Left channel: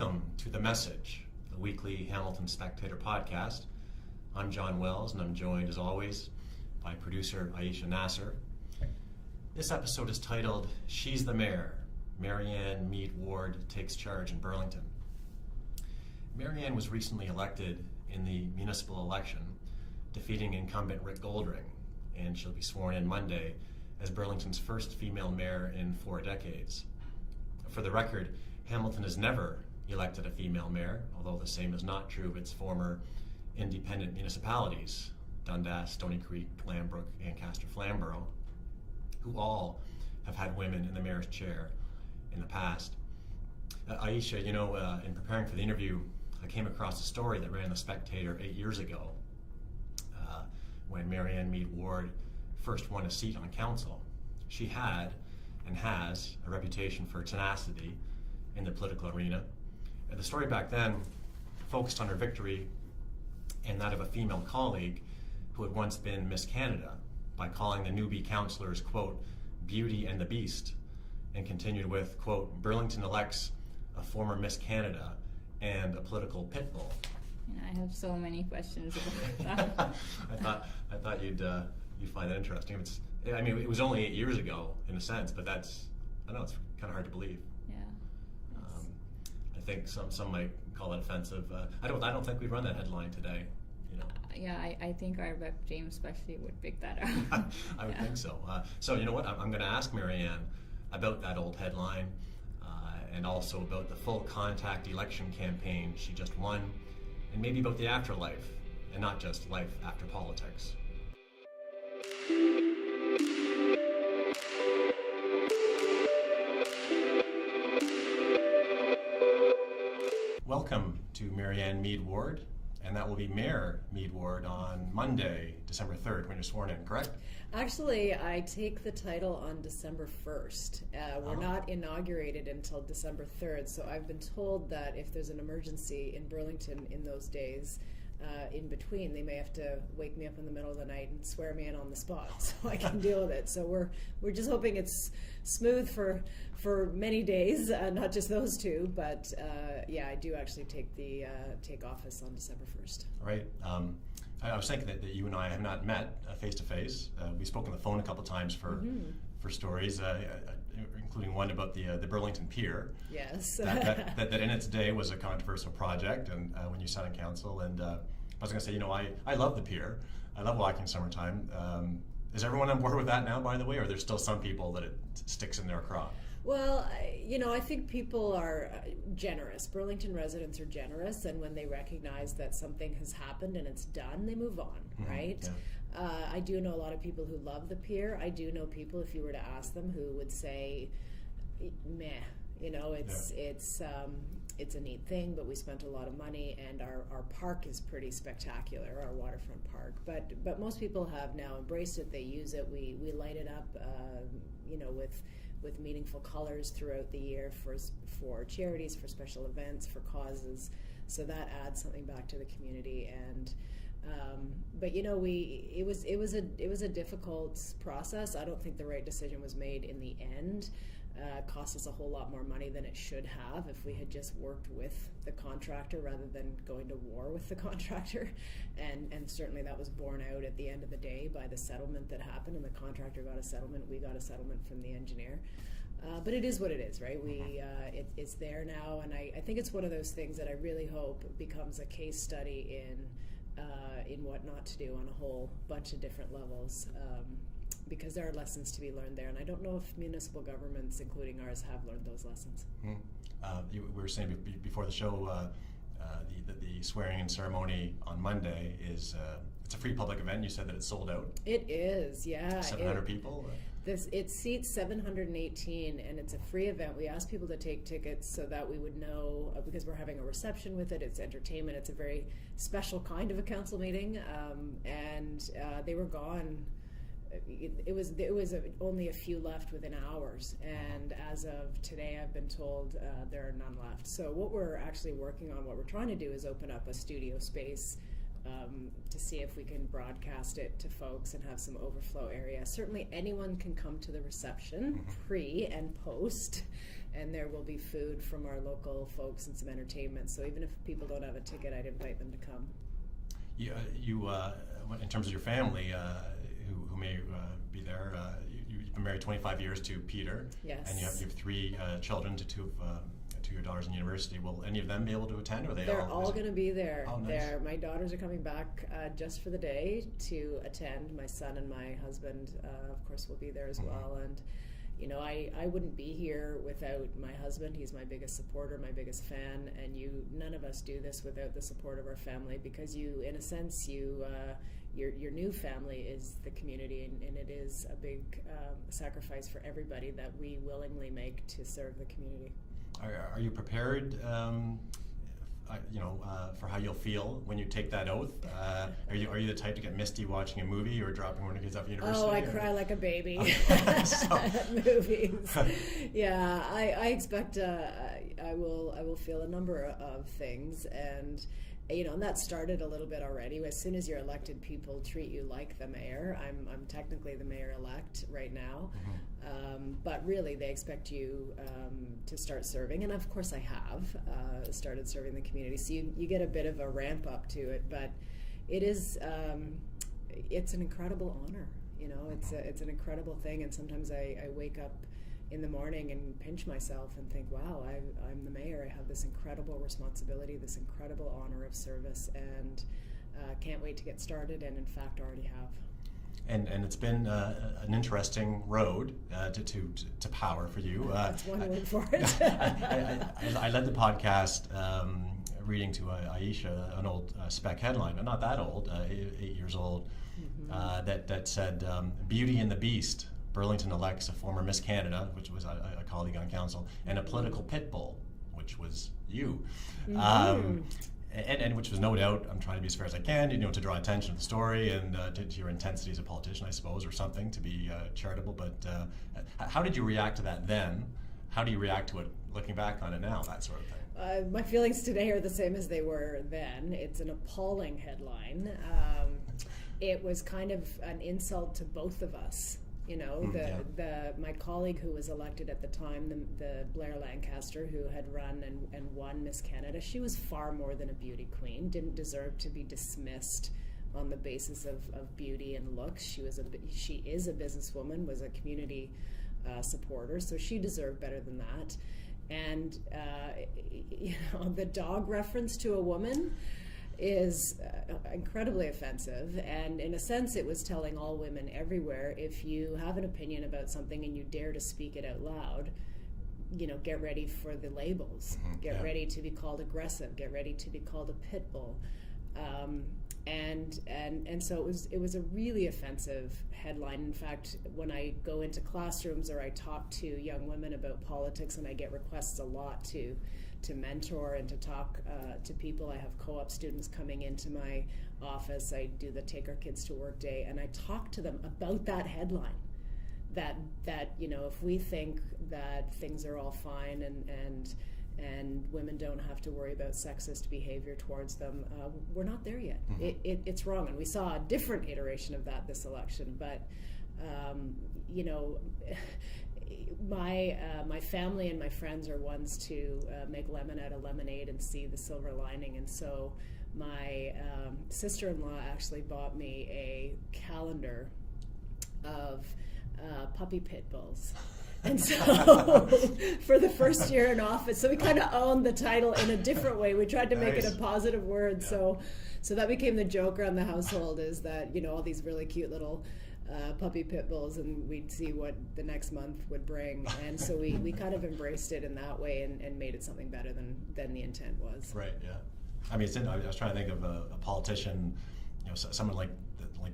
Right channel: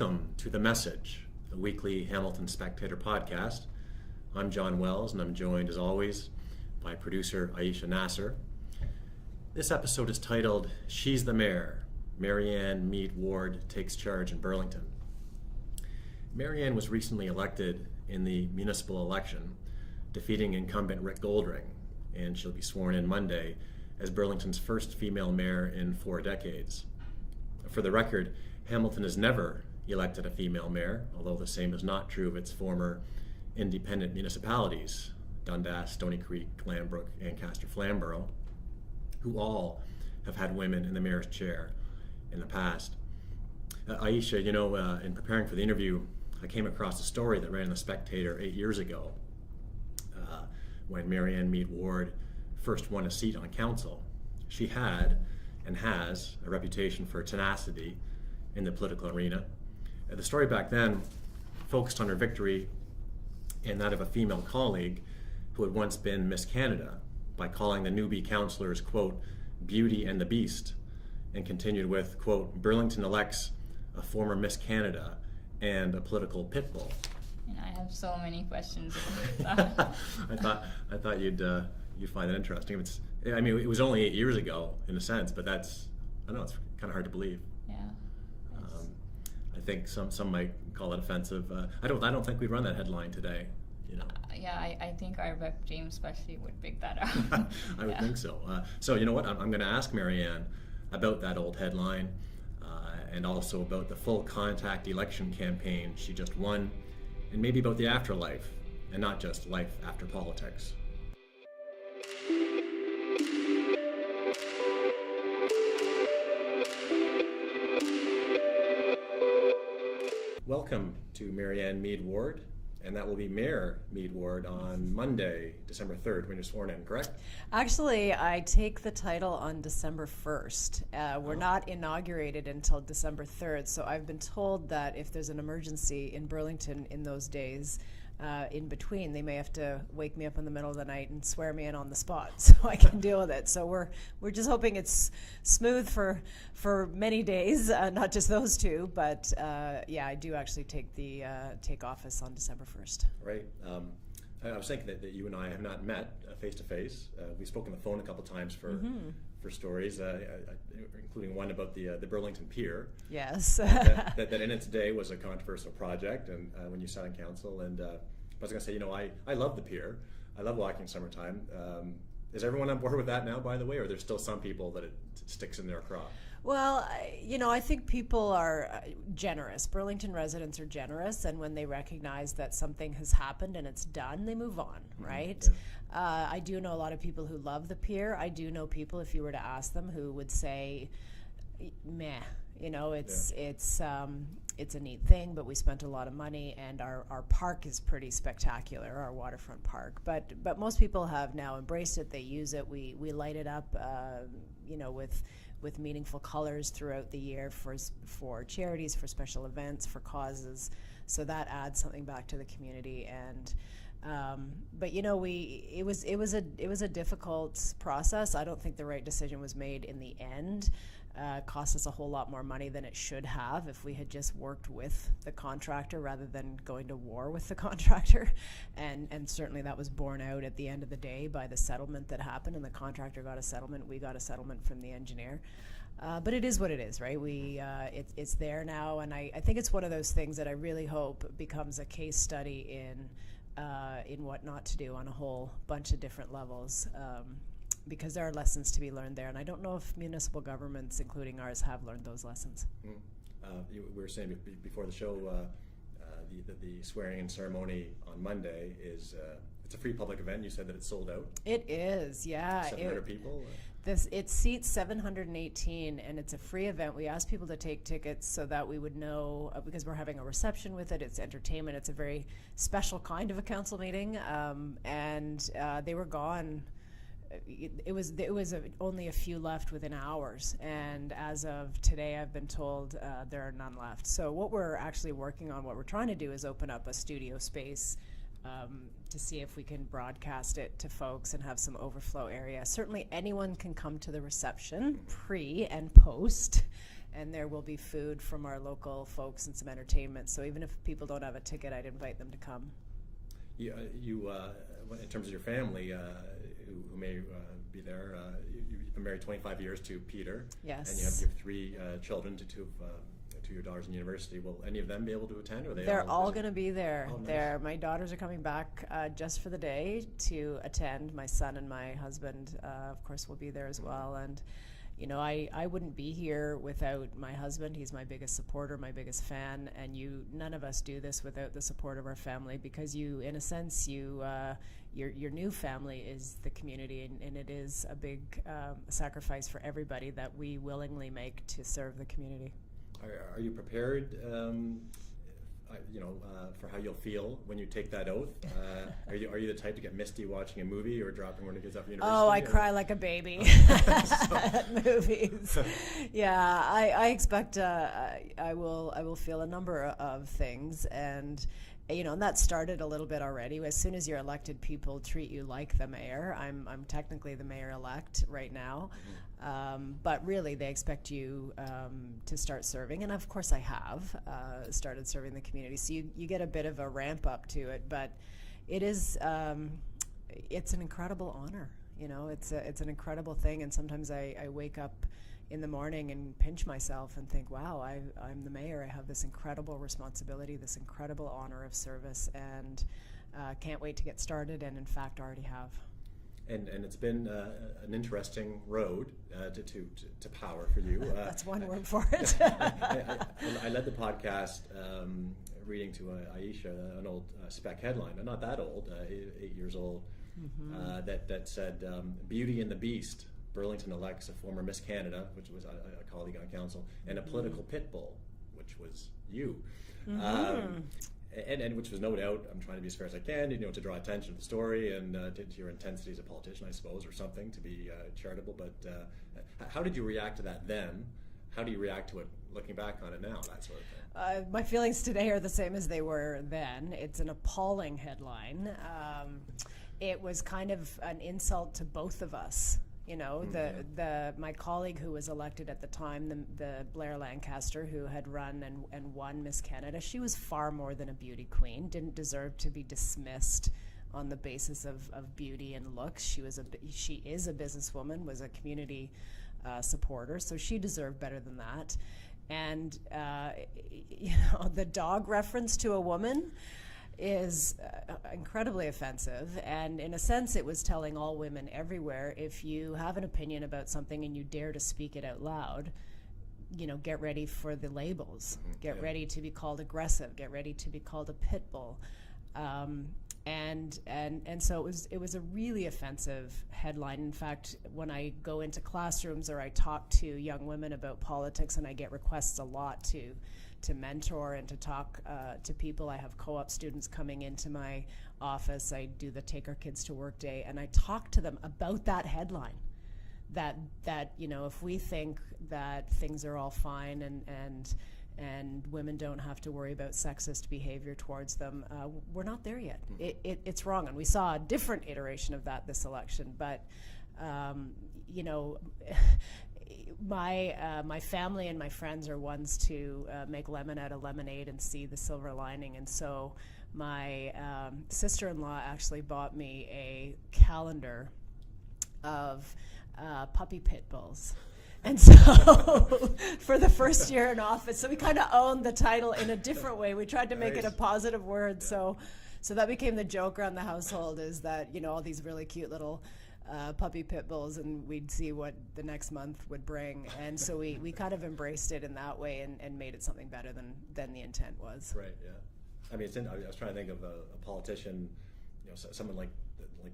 Welcome to The Message, the weekly Hamilton Spectator podcast. I'm Jon Wells, and I'm joined, as always, by producer Aisha Nasser. This episode is titled, She's the Mayor. Marianne Meed Ward takes charge in Burlington. Marianne was recently elected in the municipal election, defeating incumbent Rick Goldring, and she'll be sworn in Monday as Burlington's first female mayor in 4 decades. For the record, Hamilton has never elected a female mayor, although the same is not true of its former independent municipalities, Dundas, Stony Creek, Glanbrook, Ancaster, Flamborough, who all have had women in the mayor's chair in the past. Aisha, in preparing for the interview, I came across a story that ran in the Spectator 8 years ago when Marianne Meed Ward first won a seat on council. She had and has a reputation for tenacity in the political arena. The story back then focused on her victory and that of a female colleague who had once been Miss Canada by calling the newbie councillors, quote, Beauty and the Beast, and continued with, quote, Burlington elects a former Miss Canada and a political pit bull. And I have so many questions about that. I thought you'd find that interesting. It was only 8 years ago in a sense, but I know it's kind of hard to believe. Yeah. I think some might call it offensive. I don't think we'd run that headline today. Yeah, I think our rep James especially would pick that up. I would think so. So you know what? I'm going to ask Marianne about that old headline and also about the full contact election campaign she just won, and maybe about the afterlife and not just life after politics. Welcome to Marianne Meed Ward, and that will be Mayor Meed Ward on Monday, December 3rd, when you're sworn in, correct? Actually, I take the title on December 1st. We're not inaugurated until December 3rd, so I've been told that if there's an emergency in Burlington in those days, in between, they may have to wake me up in the middle of the night and swear me in on the spot so I can deal with it. So we're just hoping it's smooth for many days, not just those two. But I do actually take office on December 1st. Right. I was thinking that you and I have not met face to face. We spoke on the phone a couple times for stories, including one about the Burlington Pier. Yes. that in its day was a controversial project, and when you sat on council, and I was going to say, I love the pier. I love walking summertime. Is everyone on board with that now, by the way, or there's still some people that it sticks in their craw? Well, I think people are generous. Burlington residents are generous, and when they recognize that something has happened and it's done, they move on, right? Yeah. I do know a lot of people who love the pier. I do know people, if you were to ask them, who would say, meh, it's a neat thing, but we spent a lot of money, and our park is pretty spectacular, our waterfront park. But most people have now embraced it. They use it. We light it up, with meaningful colors throughout the year for charities, for special events, for causes. So that adds something back to the community. And it was a difficult process. I don't think the right decision was made in the end. It cost us a whole lot more money than it should have if we had just worked with the contractor rather than going to war with the contractor. And certainly that was borne out at the end of the day by the settlement that happened, and the contractor got a settlement, we got a settlement from the engineer. But it is what it is, right? It's there now, and I think it's one of those things that I really hope becomes a case study in what not to do on a whole bunch of different levels. Because there are lessons to be learned there, and I don't know if municipal governments, including ours, have learned those lessons. We were saying before the show, the swearing-in ceremony on Monday is it's a free public event. You said that it's sold out. It is, yeah. 700 people. It seats 718, and it's a free event. We asked people to take tickets so that we would know, because we're having a reception with it. It's entertainment. It's a very special kind of a council meeting, and they were gone. It was only a few left within hours, and as of today, I've been told there are none left. So what we're actually working on, what we're trying to do, is open up a studio space to see if we can broadcast it to folks and have some overflow area. Certainly anyone can come to the reception, pre and post, and there will be food from our local folks and some entertainment. So even if people don't have a ticket, I'd invite them to come. You in terms of your family, who may be there, you've been married 25 years to Peter. Yes. And you have 3 children, two of your daughters in university. Will any of them be able to attend, or They're all going to be there. Oh, nice. My daughters are coming back just for the day to attend. My son and my husband, of course, will be there as well. And you know, I wouldn't be here without my husband. He's my biggest supporter, my biggest fan, and none of us do this without the support of our family, because in a sense, your new family is the community, and it is a big sacrifice for everybody that we willingly make to serve the community. Are you prepared, for how you'll feel when you take that oath? Are you the type to get misty watching a movie or dropping one of your kids off at university? Oh, I cry like a baby at movies. Yeah, I expect I will feel a number of things, and and that started a little bit already. As soon as you're elected, people treat you like the mayor. I'm technically the mayor-elect right now. But really, they expect you to start serving, and of course I have started serving the community. So you get a bit of a ramp up to it, but it is it's an incredible honor. It's an incredible thing, and sometimes I wake up in the morning and pinch myself and think, wow, I'm the mayor. I have this incredible responsibility, this incredible honor of service, and can't wait to get started, and in fact already have. And it's been an interesting road to power for you. That's one word for it. I led the podcast reading to Aisha an old spec headline, but not that old, 8 years old, that said, "Beauty and the Beast. Burlington elects a former Miss Canada," which was a colleague on council, "and a political pit bull," which was you. And which was no doubt, I'm trying to be as fair as I can, to draw attention to the story and to your intensity as a politician, I suppose, or something, to be charitable. But how did you react to that then? How do you react to it looking back on it now, that sort of thing? My feelings today are the same as they were then. It's an appalling headline. It was kind of an insult to both of us. My colleague who was elected at the time, the Blair Lancaster, who had run and won Miss Canada, she was far more than a beauty queen, didn't deserve to be dismissed on the basis of beauty and looks. She is a businesswoman, was a community supporter, so she deserved better than that. And the dog reference to a woman is incredibly offensive, and in a sense it was telling all women everywhere, if you have an opinion about something and you dare to speak it out loud, get ready for the labels, get ready to be called aggressive, get ready to be called a pit bull, and so it was a really offensive headline. In fact, when I go into classrooms or I talk to young women about politics, and I get requests a lot to mentor and to talk to people. I have co-op students coming into my office. I do the Take Our Kids to Work Day, and I talk to them about that headline, that if we think that things are all fine and women don't have to worry about sexist behavior towards them, we're not there yet. It's wrong, and we saw a different iteration of that this election, but my family and my friends are ones to make lemon out of lemonade and see the silver lining, and so my sister-in-law actually bought me a calendar of puppy pit bulls. And so for the first year in office, so we kind of owned the title in a different way. We tried to make it a positive word, so that became the joke around the household, is that all these really cute little puppy pit bulls, and we'd see what the next month would bring, and so we kind of embraced it in that way and made it something better than the intent was. Right. Yeah. I mean, I was trying to think of a politician, someone like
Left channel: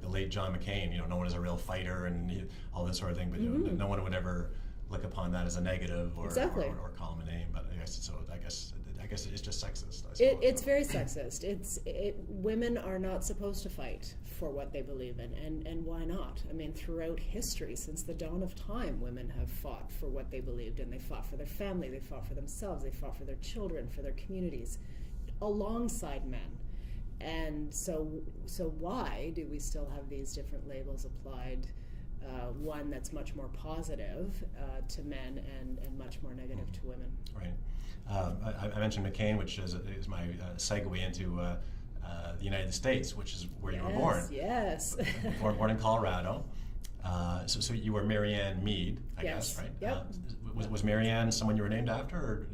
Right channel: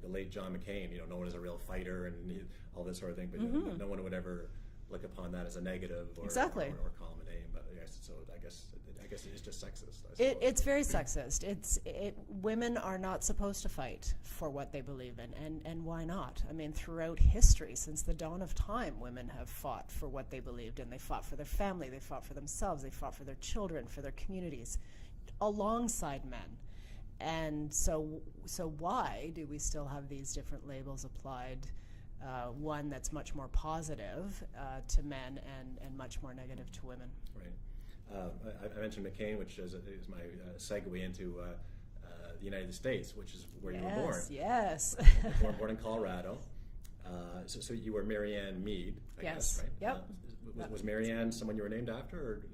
the late John McCain. No one is a real fighter and all this sort of thing, but no one would ever look upon that as a negative or call him a name. But I guess it's just sexist. It's very sexist. Women are not supposed to fight for what they believe in, and why not? I mean, throughout history, since the dawn of time, women have fought for what they believed in. They fought for their family, they fought for themselves, they fought for their children, for their communities, alongside men. And so why do we still have these different labels applied one that's much more positive to men and much more negative to women. Right. I mentioned McCain, which is my segue into the United States, which is where you were born. Yes. born in Colorado. So you were Marianne Meed, I guess, right? Yep. Was Marianne someone you were named after, or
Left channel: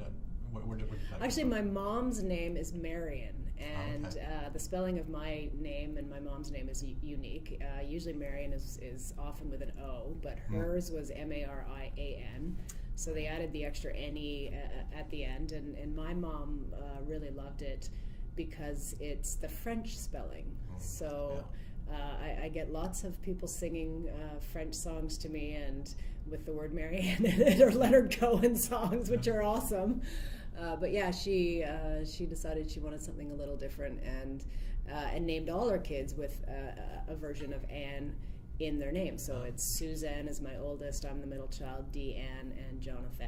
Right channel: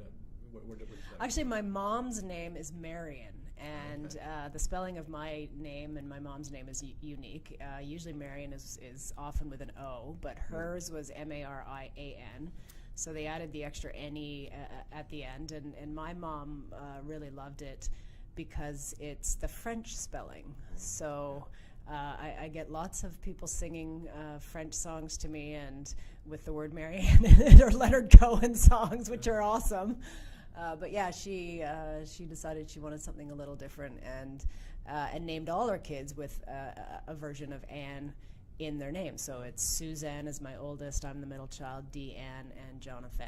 Actually, my mom's name is Marion, and the spelling of my name and my mom's name is unique. Usually Marion is often with an O, but hers was Marian. So they added the extra N-E at the end, and my mom really loved it because it's the French spelling. So I get lots of people singing French songs to me, and with the word Marianne in it, or Leonard Cohen songs, which are awesome. But yeah, she decided she wanted something a little different, and named all her kids with a version of Anne in their name. So it's Suzanne is my oldest, I'm the middle child, Deanne, and Jonathan.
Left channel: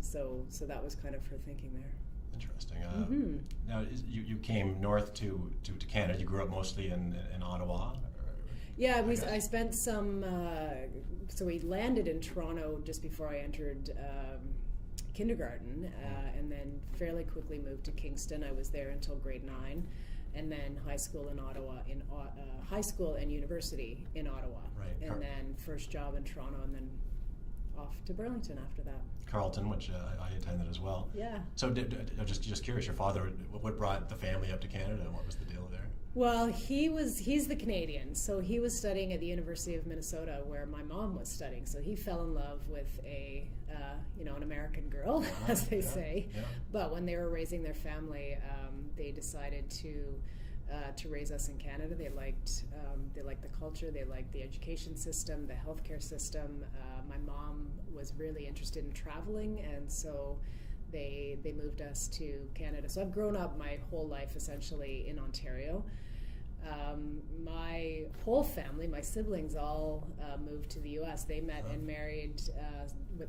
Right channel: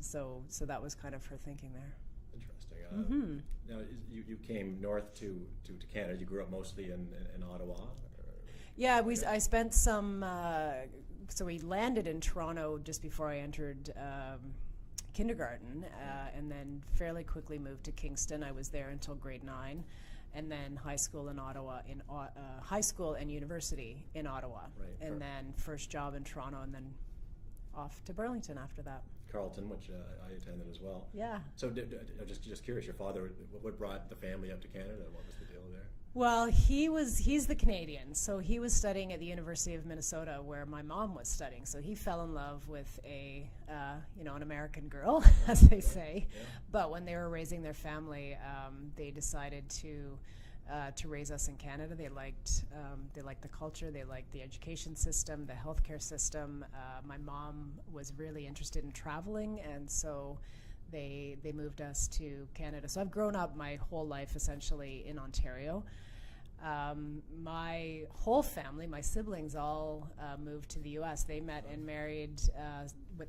So that was kind of her thinking there. Interesting. Now you came north to Canada. You grew up mostly in Ottawa. Yeah, I spent some. So we landed in Toronto just before I entered kindergarten, and then fairly quickly moved to Kingston. I was there until grade 9, and then high school in Ottawa, high school and university in Ottawa, right. And then first job in Toronto, and then off to Burlington after that. Carleton, which I attended as well. Yeah. So just curious, your father, what brought the family up to Canada? What was the deal there? Well, he's the Canadian, so he was studying at the University of Minnesota, where my mom was studying. So he fell in love with an American girl, as they say. Yeah. But when they were raising their family, they decided to raise us in Canada. They liked the culture, they liked the education system, the healthcare system. My mom was really interested in traveling, and so they moved us to Canada. So I've grown up my whole life essentially in Ontario. My whole family, my siblings, all moved to the U.S. They met and married,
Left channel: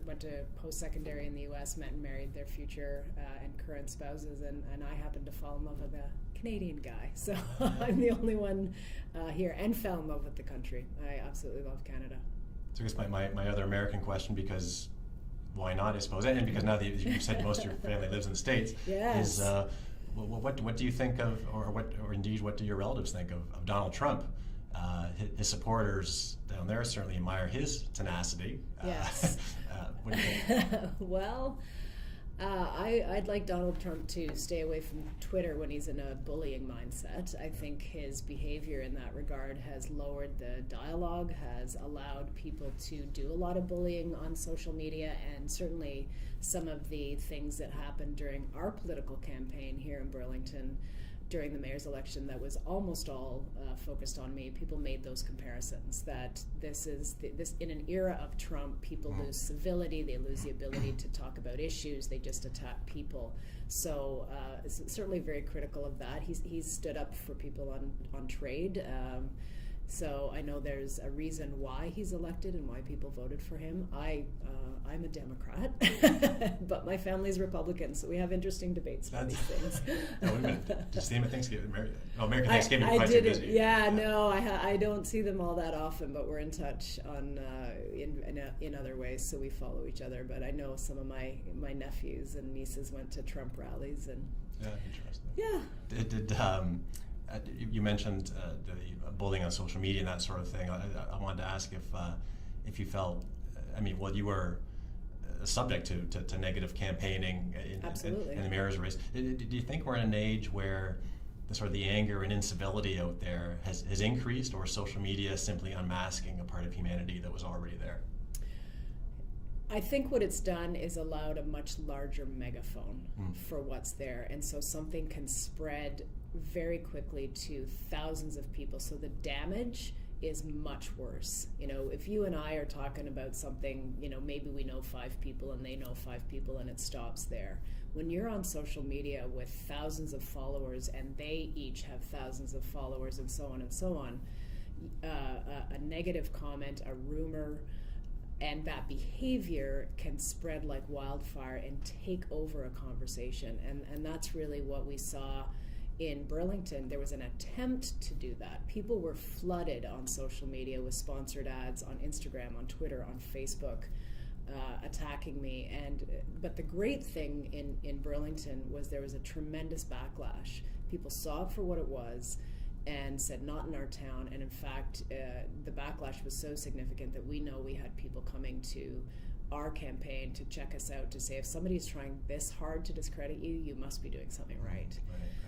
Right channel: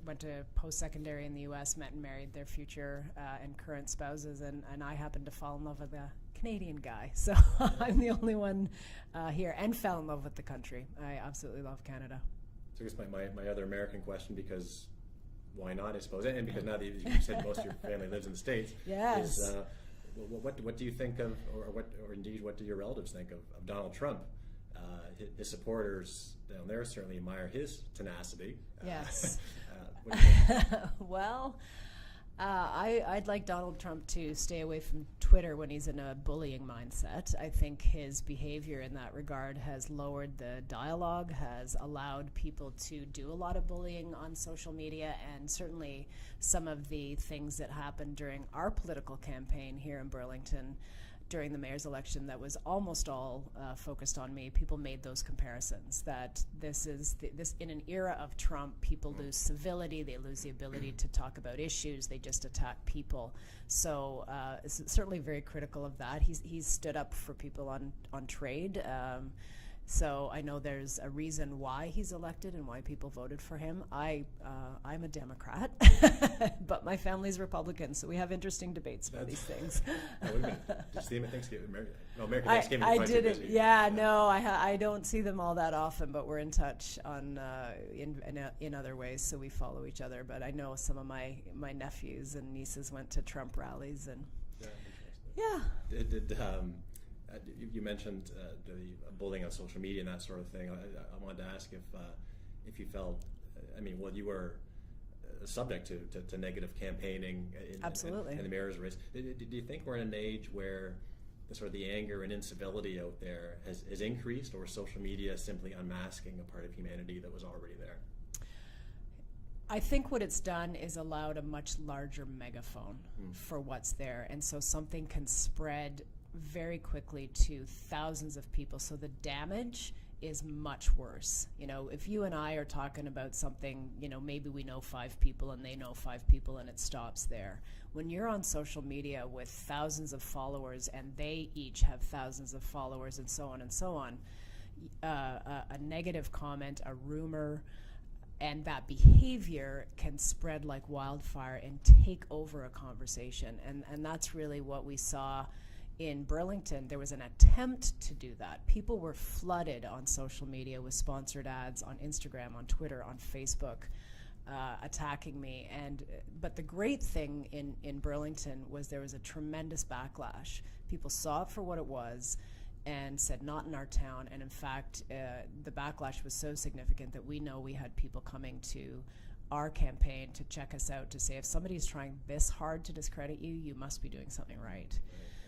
went to post-secondary in the U.S., met and married their future and current spouses, and I happened to fall in love with a Canadian guy. So I'm the only one here, and fell in love with the country. I absolutely love Canada. So I guess my other American question, because why not, I suppose, and because now that you said most of your family lives in the States, yes. is what do you think of, or indeed what do your relatives think of Donald Trump? His supporters down there certainly admire his tenacity. Yes. What do you think? Well, I'd like Donald Trump to stay away from Twitter when he's in a bullying mindset. I think his behavior in that regard has lowered the dialogue, has allowed people to do a lot of bullying on social media, and certainly some of the things that happened during our political campaign here in Burlington during the mayor's election that was almost all focused on me. People made those comparisons that this in an era of Trump, people lose civility, they lose the ability to talk about issues, they just attack people. So certainly very critical of that. He's stood up for people on trade. So I know there's a reason why he's elected and why people voted for him. I'm a Democrat, but my family's Republican, so we have interesting debates about these things. Just the Thanksgiving, American Thanksgiving. I didn't. No, I don't see them all that often, but we're in touch on in other ways, so we follow each other. But I know some of my nephews and nieces went to Trump rallies, and interesting. Yeah. You mentioned the bullying on social media and that sort of thing. I wanted to ask if you felt, you were subject to negative campaigning in the mayor's race. Do you think we're in an age where the sort of the anger and incivility out there has increased, or social media simply unmasking a part of humanity that was already there? I think what it's done is allowed a much larger megaphone for what's there, and so something can spread very quickly to thousands of people. So the damage is much worse. If you and I are talking about something, maybe we know 5 people and they know 5 people, and it stops there. When you're on social media with thousands of followers, and they each have thousands of followers, and so on, a negative comment, a rumor, and that behavior can spread like wildfire and take over a conversation. And that's really what we saw in Burlington, there was an attempt to do that. People were flooded on social media with sponsored ads on Instagram, on Twitter, on Facebook, attacking me. But the great thing in Burlington was there was a tremendous backlash. People saw it for what it was and said, not in our town. And in fact, the backlash was so significant that we know we had people coming to our campaign to check us out, to say, if somebody's trying this hard to discredit you, you must be doing something right.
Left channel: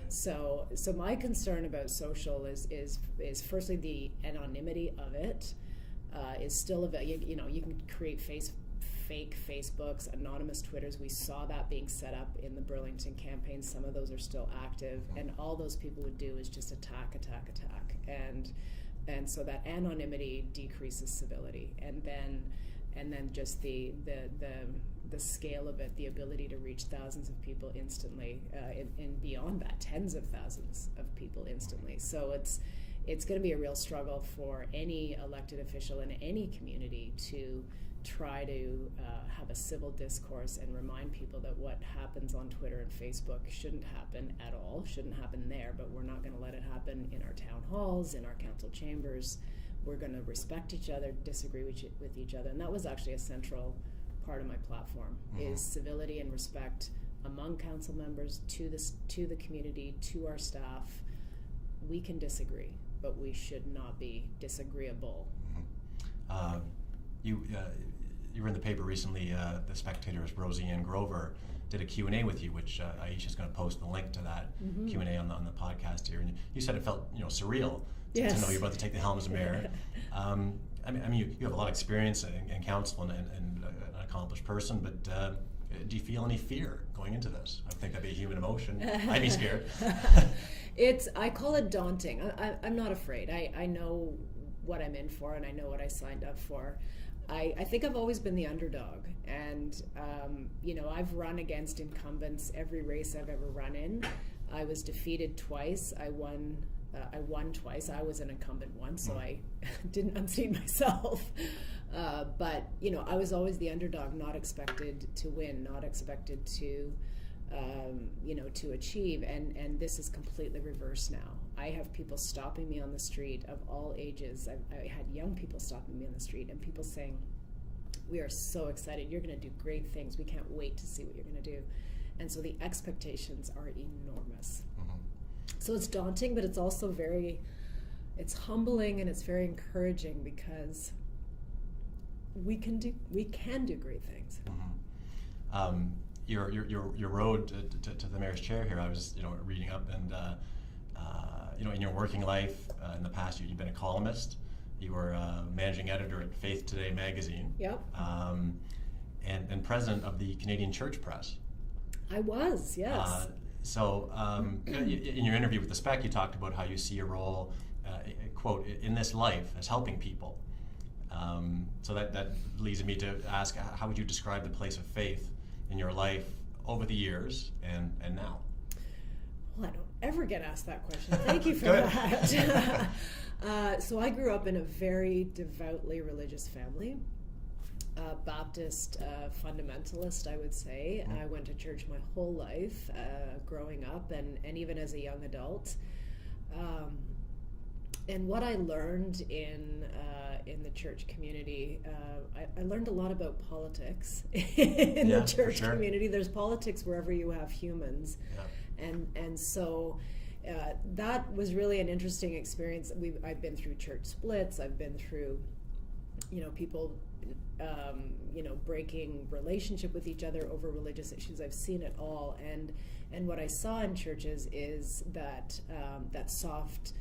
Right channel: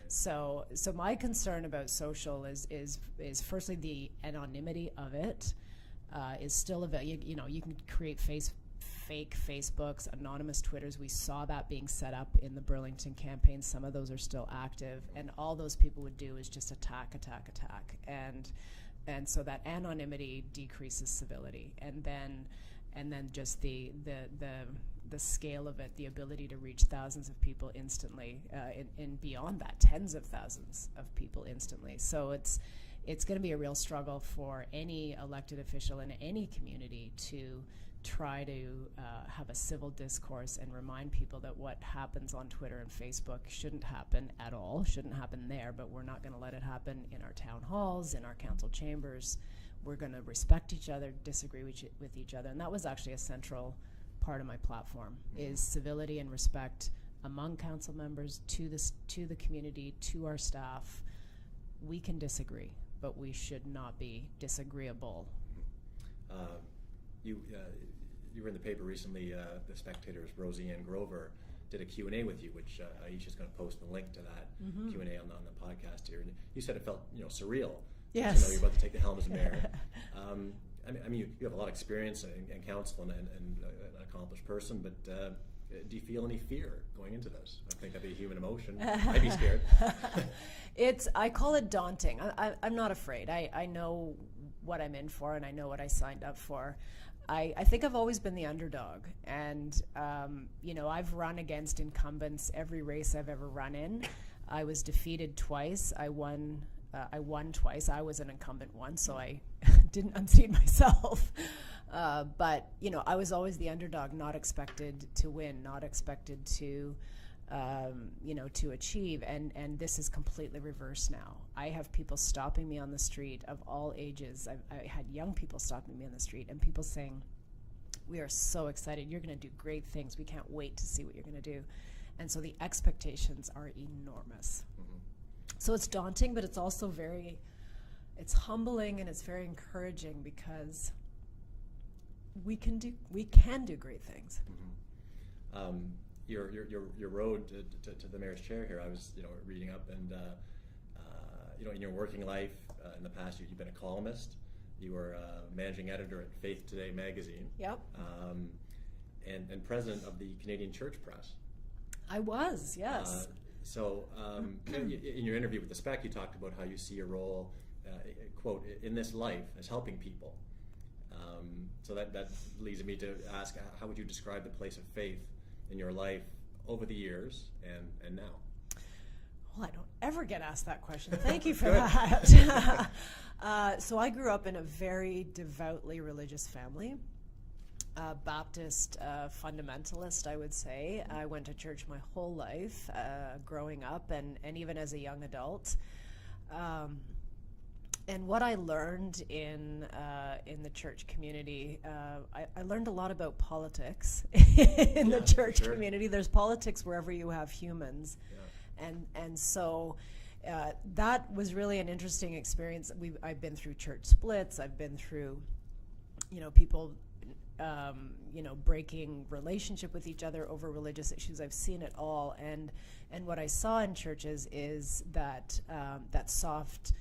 So my concern about social is firstly the anonymity of it is still you can create fake Facebooks, anonymous Twitters. We saw that being set up in the Burlington campaign. Some of those are still active, and all those people would do is just attack, and so that anonymity decreases civility, and then just the scale of it, the ability to reach thousands of people instantly, and beyond that, tens of thousands of people instantly. So it's going to be a real struggle for any elected official in any community to try to have a civil discourse and remind people that what happens on Twitter and Facebook shouldn't happen at all, shouldn't happen there, but we're not going to let it happen in our town halls, in our council chambers. We're going to respect each other, disagree with each other. And that was actually a central part of my platform, is civility and respect among council members, to the community, to our staff. We can disagree, but we should not be disagreeable. You were in the paper recently, the Spectator's Roseanne Grover did a Q&A with you, which Aisha's going to post the link to that Q&A on the podcast here. And you said it felt to Yes. know you're about to take the helm as mayor. I mean, you have a lot of experience in council and an accomplished person, but do you feel any fear going into this? I think that'd be a human emotion. I'd be scared. I call it daunting. I'm not afraid. I know what I'm in for, and I know what I signed up for. I think I've always been the underdog, and I've run against incumbents every race I've ever run in. I was defeated twice. I won twice. I was an incumbent once, so I didn't unseat myself. But I was always the underdog, not expected to win, not expected to achieve. And this is completely reversed now. I have people stopping me on the street of all ages. I had young people stopping me on the street and people saying, "We are so excited. You're going to do great things. We can't wait to see what you're going to do." And so the expectations are enormous. So it's daunting, but it's also it's humbling, and it's very encouraging, because we can do great things. Your road to the mayor's chair here, I was reading up, and in your working life in the past, you've been a columnist. You were managing editor at Faith Today magazine. Yep. And president of the Canadian Church Press. I was, yes. So in your interview with the Spec, you talked about how you see your role, quote, in this life as helping people. So that leads me to ask, how would you describe the place of faith in your life over the years and now? Well, I don't ever get asked that question. Thank you for that. So I grew up in a very devoutly religious family. Baptist fundamentalist, I would say. I went to church my whole life, growing up, and even as a young adult. And what I learned in the church community, I learned a lot about politics in the church community. There's politics wherever you have humans, and so that was really an interesting experience. I've been through church splits. I've been through, people. Breaking relationship with each other over religious issues. I've seen it all, and what I saw in churches is that that soft,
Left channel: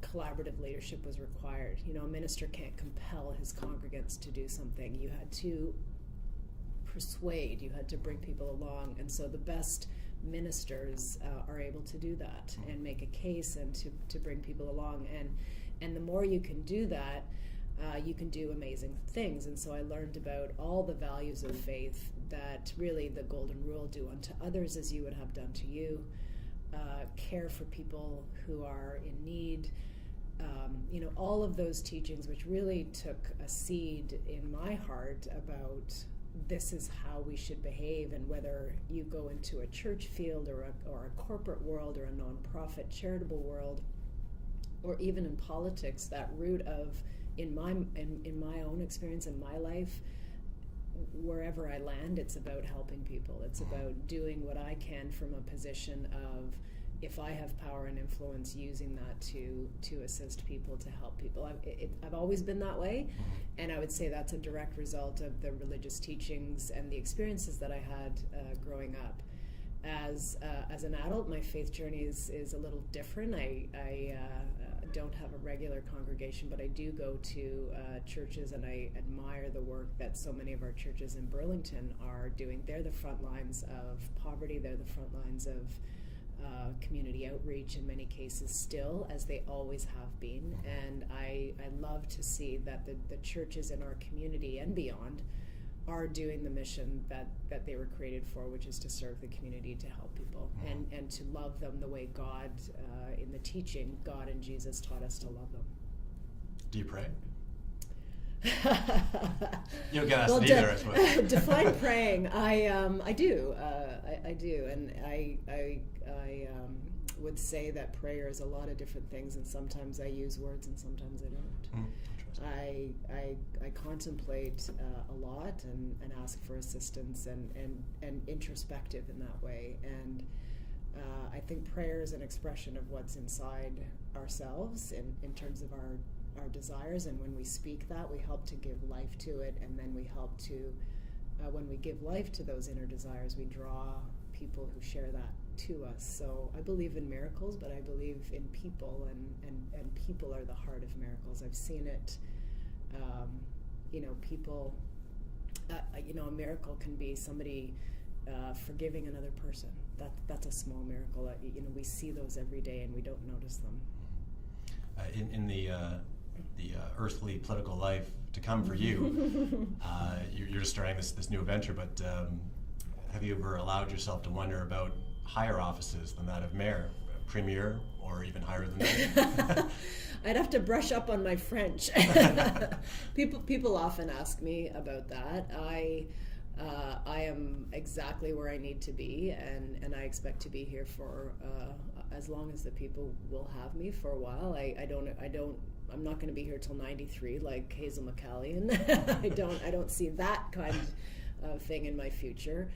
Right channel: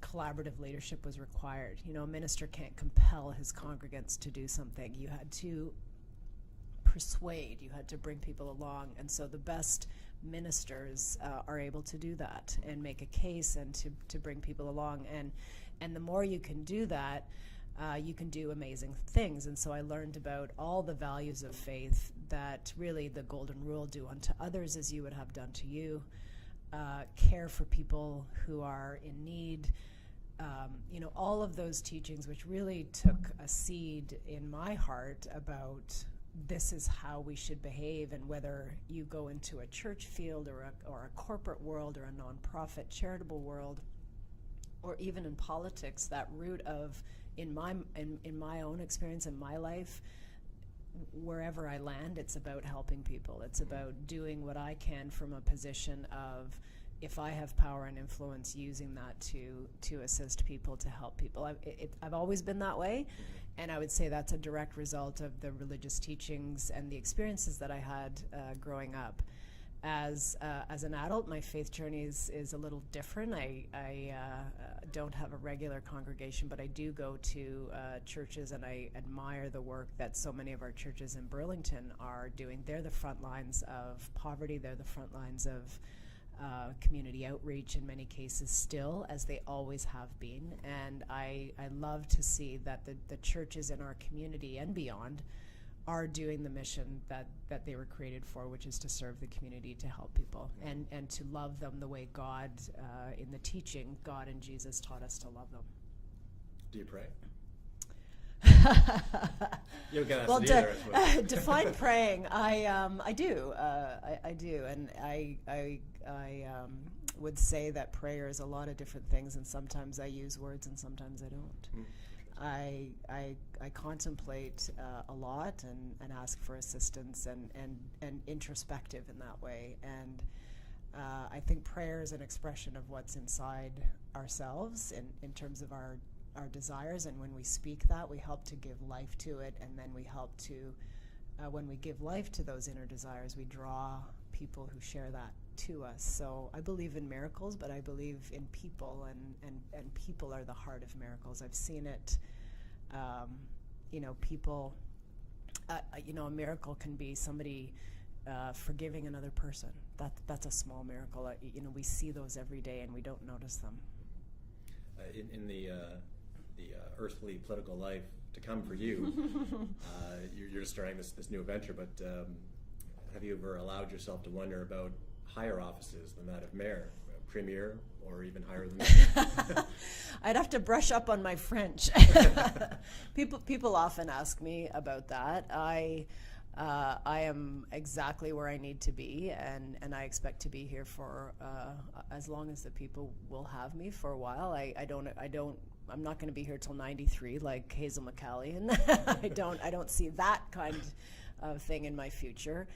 collaborative leadership was required. A minister can't compel his congregants to do something. You had to persuade. You had to bring people along, and so the best ministers are able to do that and make a case and to bring people along. And the more you can do that, you can do amazing things. And so I learned about all the values of faith, that really the golden rule, do unto others as you would have done to you, care for people who are in need, all of those teachings, which really took a seed in my heart about this is how we should behave. And whether you go into a church field or a corporate world or a nonprofit charitable world, or even in politics, that root of, in my own experience in my life, wherever I land, it's about helping people. It's about doing what I can from a position of, if I have power and influence, using that to assist people, to help people. I've always been that way, and I would say that's a direct result of the religious teachings and the experiences that I had growing up. As an adult, my faith journey is a little different. I don't have a regular congregation, but I do go to churches, and I admire the work that so many of our churches in Burlington are doing. They're the front lines of poverty. They're the front lines of community outreach in many cases still, as they always have been. And I love to see that the churches in our community and beyond are doing the mission that they were created for, which is to serve the community, to help people, and to love them the way God, in the teaching, God and Jesus taught us to love them. Do you pray? You don't get asked Well, either, I suppose. define praying. I do. I do, and I would say that prayer is a lot of different things, and sometimes I use words and sometimes I don't. I contemplate a lot and ask for assistance and introspective in that way. And I think prayer is an expression of what's inside ourselves in terms of our desires. And when we speak that, we help to give life to it. And then we help to, when we give life to those inner desires, we draw people who share that to us. So I believe in miracles, but I believe in people, and people are the heart of miracles. I've seen it, people, a miracle can be somebody forgiving another person. That's a small miracle. We see those every day and we don't notice them. In the earthly political life to come for you, you're just starting this new adventure, but have you ever allowed yourself to wonder about higher offices than that of mayor, premier, or even higher than that? I'd have to brush up on my French. People often ask me about that. I am exactly where I need to be, and I expect to be here for as long as the people will have me for a while. I'm not going to be here till 93 like Hazel McCallion. I don't see that kind of thing in my future.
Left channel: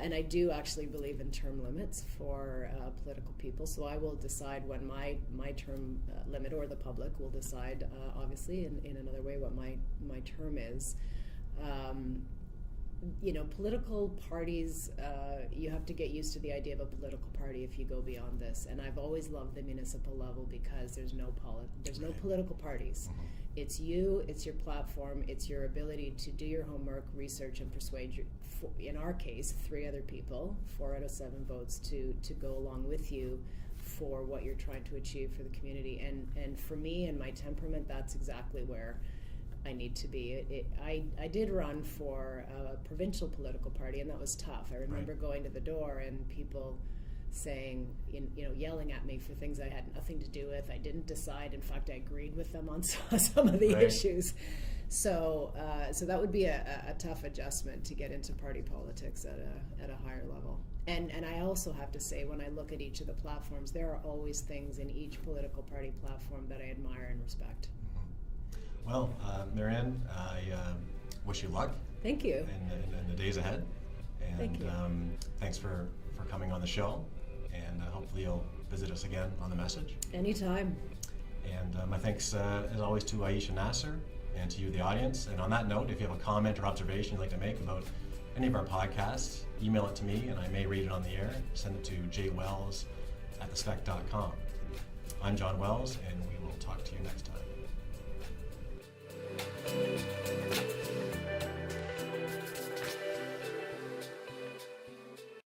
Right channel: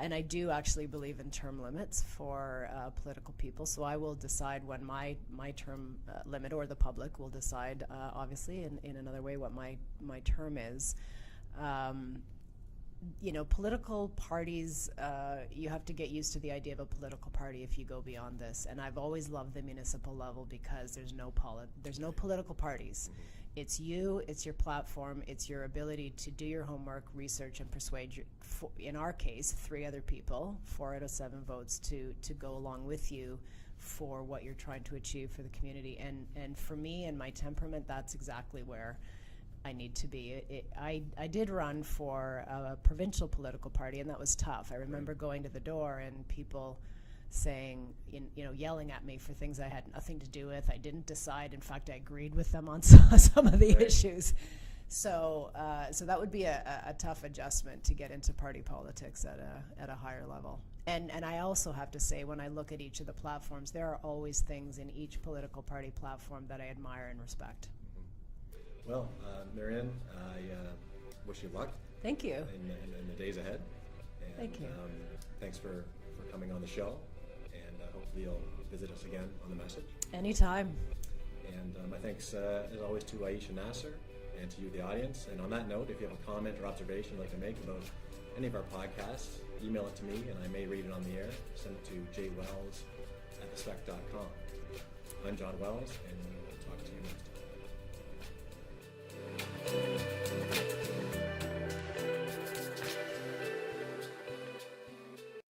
And I do actually believe in term limits for political people. So I will decide when my term limit, or the public will decide, obviously, in another way, what my term is. Political parties, you have to get used to the idea of a political party if you go beyond this. And I've always loved the municipal level because there's no political parties. It's you, it's your platform, it's your ability to do your homework, research, and persuade, in our case, 3 other people, 4 out of 7 votes to go along with you for what you're trying to achieve for the community. And for me and my temperament, that's exactly where I need to be. I did run for a provincial political party, and that was tough. I remember going to the door and people saying, yelling at me for things I had nothing to do with. I didn't decide. In fact, I agreed with them on some of the issues. So that would be a tough adjustment to get into party politics at a higher level. And I also have to say, when I look at each of the platforms, there are always things in each political party platform that I admire and respect. Well, Marianne, I wish you luck. Thank you. In the days ahead. And Thank you. Thanks for coming on the show. And hopefully you'll visit us again on The Message. Anytime. And my thanks, as always, to Aisha Nasser and to you, the audience. And on that note, if you have a comment or observation you'd like to make about any of our podcasts, email it to me and I may read it on the air. Send it to jwells@thespec.com. I'm Jon Wells, and we will talk to you next time.